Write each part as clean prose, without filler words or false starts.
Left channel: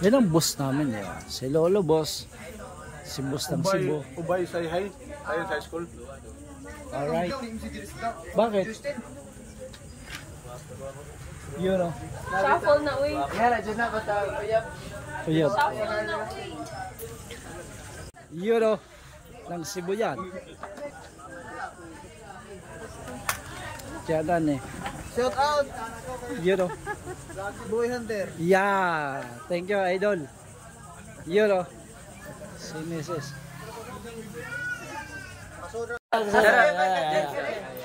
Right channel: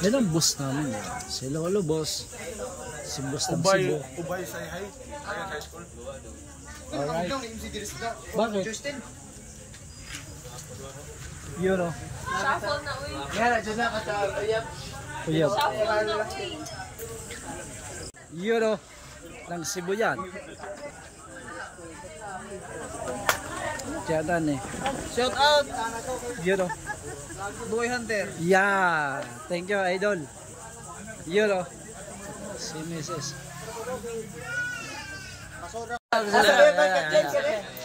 Yan ang boss namin, yun. Si Lolo boss. Si boss ng Cebu. Ubay say hi. Ayun sa school. Alright. Bakit? Yun o. Shuffle na uy. Yan, dyan na basta uyab. Uyab. Shuffle na uy. Yun o. Ng Cebu yan. Kaya dan eh. Shout out. Yun o. Boy Hunter. Yeah. Thank you, idol. Yun o. Si Mrs.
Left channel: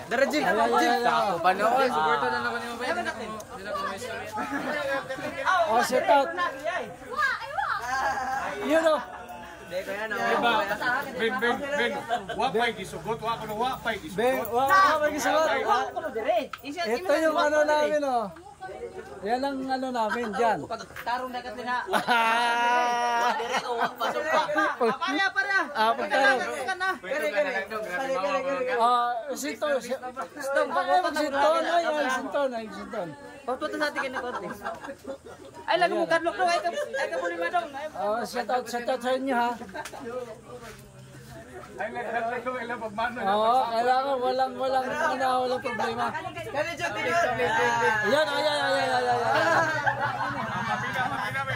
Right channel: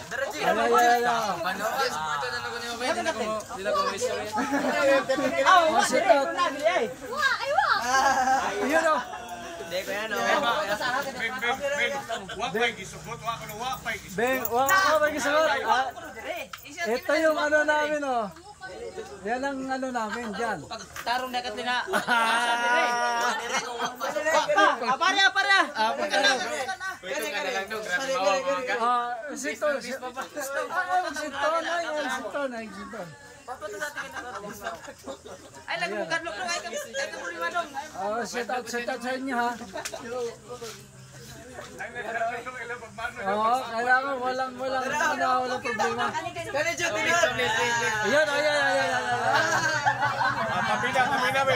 Darajin. Panood, suporta na ako ni Mabay. Hindi na ko miss kami. Oh, sit out. Yun o. Hindi ko yan, Wapay gisugot, wapay gisugot. Beng, wala gisugot. Ito yung ano namin o. Yan ang ano namin dyan. Tarong dakat nila. Para. Pagtarong. Pwede ka na lang doon. Sinton. Magsinton. Ay, sinton. Pagpunta sa atin konti. Ay, lagi mo kadlok no. Ito mo lima dong. Shout out sa inyo ha. Ay, nagkakaso ilang pagmano. Kailangan walang problema. Kani dyan, tingnan. Ayan.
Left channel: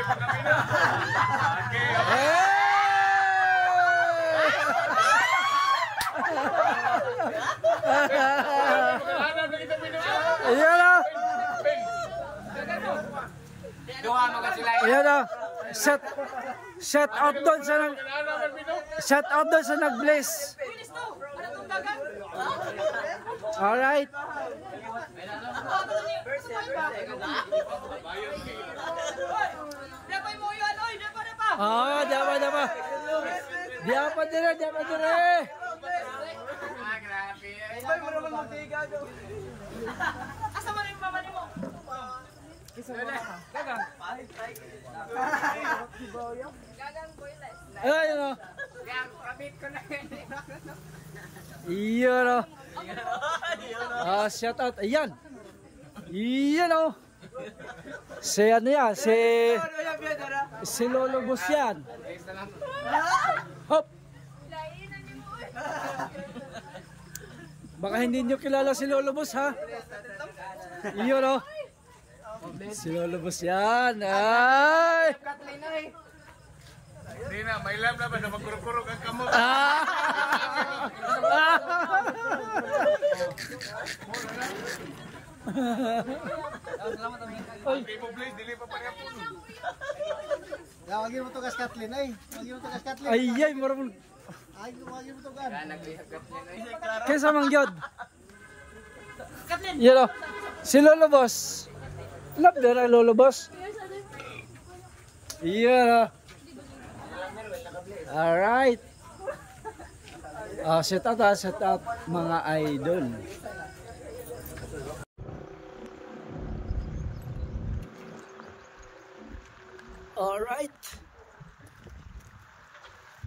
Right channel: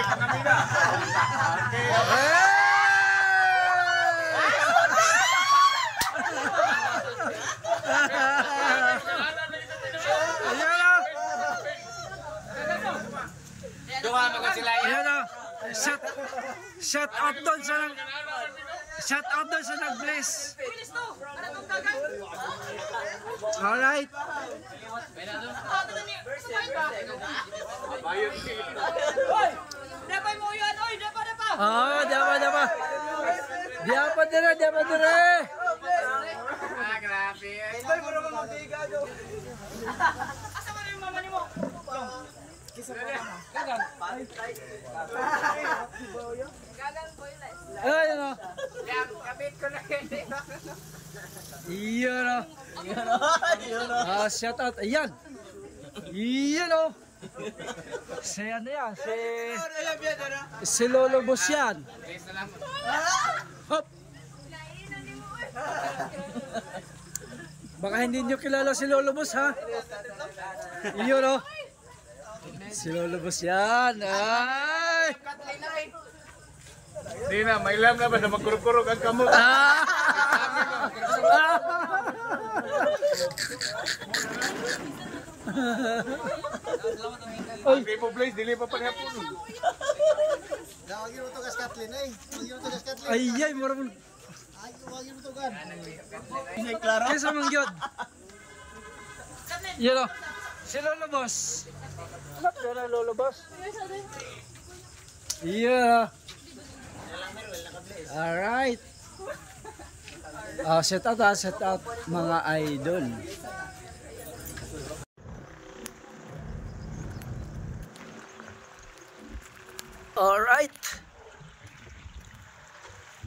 Kamina. Ayan o. Doha mga sila. Ayan o. Shout out doon sa nag-bless. Alright. Dapay mo yun, oy, dapa. Dapa. Diapa dire. Grabe. Asa man yung mama ni mo? Gagang. Ayun o. Kapit ko na yun. Iyon o. Shout out. Ayan. Iyon o. Si ano yan? Si Lolo Boss yan. Hop. Baka hindi nyo kilala si Lolo Boss ha. Iyon o. Si Lolo Boss yan. Ay. Hindi na, may lam na ba na magkurog-kurog ang kamok? Ay, kay po Blaze, dili pa panghapon. Wagi mo to kas Kathleen ay. Ay, marunong. Ay, wagi mo to gan. Kesa mangyod. Yan o. Si Lolo Boss. Love na Lolo Boss. Yeah. Alright. Set out mga idol. Alright.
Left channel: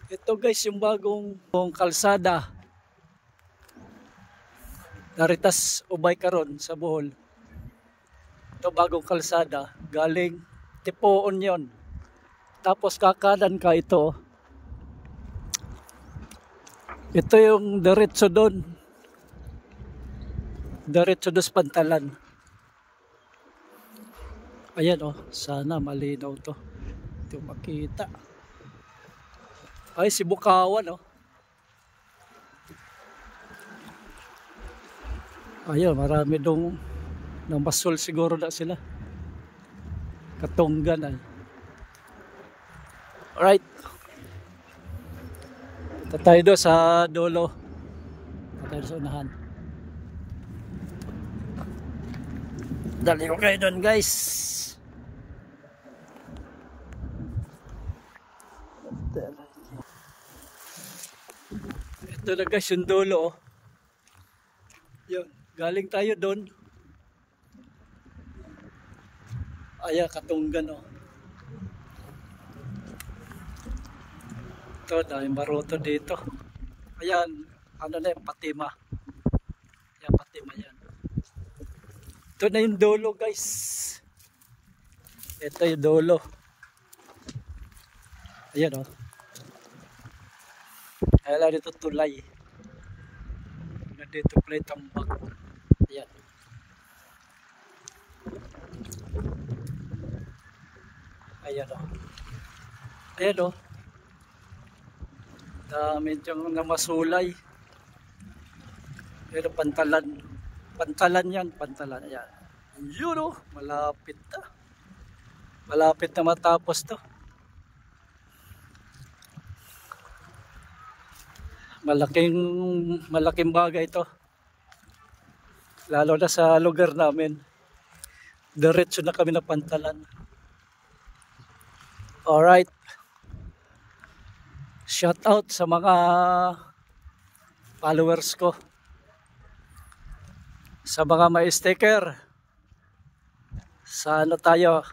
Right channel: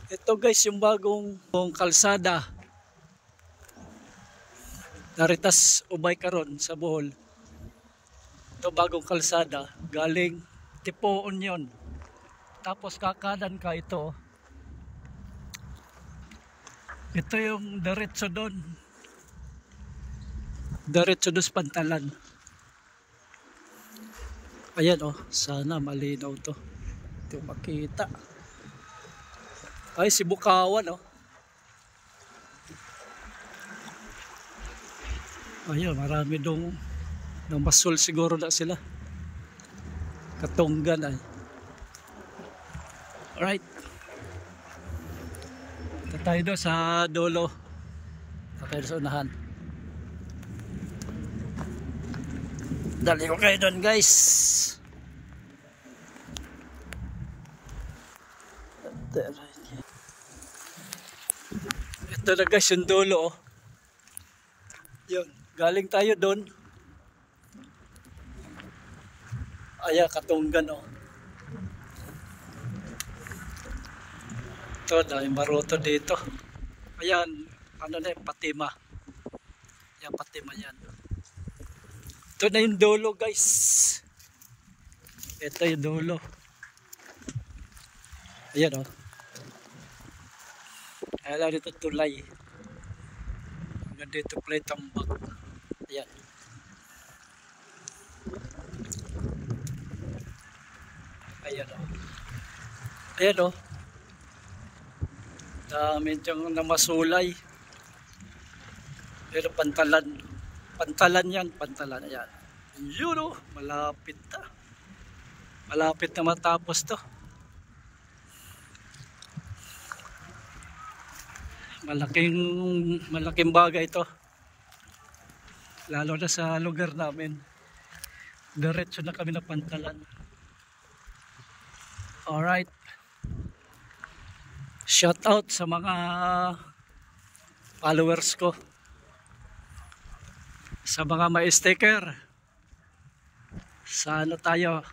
Ito guys yung bagong kalsada. Naritas ubay karon sa Bohol. Ito bagong kalsada. Galing Tipoon yon. Tapos kakanan ka ito. Ito yung diretso doon. Diretso doon sa Pantalan. Ayan oh, sana malinaw to. Ito makita. Ay, si Bukawan oh. Ayan, marami dong basol siguro na sila. Katunggan ay. Alright. Punta tayo doon sa dulo. Punta tayo sa unahan. Dali ko kayo doon guys. Ito na guys yung dulo oh. Yun. Galing tayo doon. Ayan, Katunggan oh. Ito, daming baruto dito. Ayan, ano na yung Patima. Ayan, Patima yan. Ito na yung dulo guys. Ito yung dulo. Ayan o. Ayan dito tulay. Hanggang dito play tambak. Ayan. Ayan o. Ayan o. Medyo namasulay. Pero pantalan. Pantalan yan. Pantalan. Ayan. Yun o. Malapit na. Malapit na matapos to. Malaking bagay ito. Lalo na sa lugar namin. Diretso na kami na pantalan. Alright. Shout out sa mga followers ko. Sa mga may sticker. Sa ano tayo?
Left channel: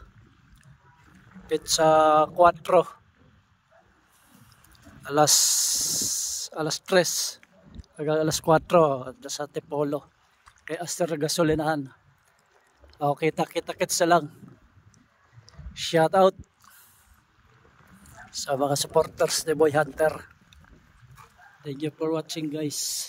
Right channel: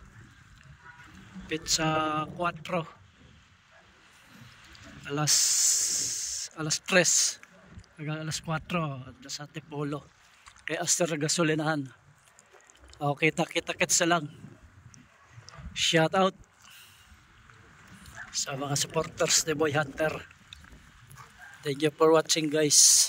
Pizza 4. Alas 3 hanggang alas 4 sa Tipolo kay Aster Gasolinahan. Kita-kits lang. Shout out sa mga supporters ni Boy Hunter. Thank you for watching, guys.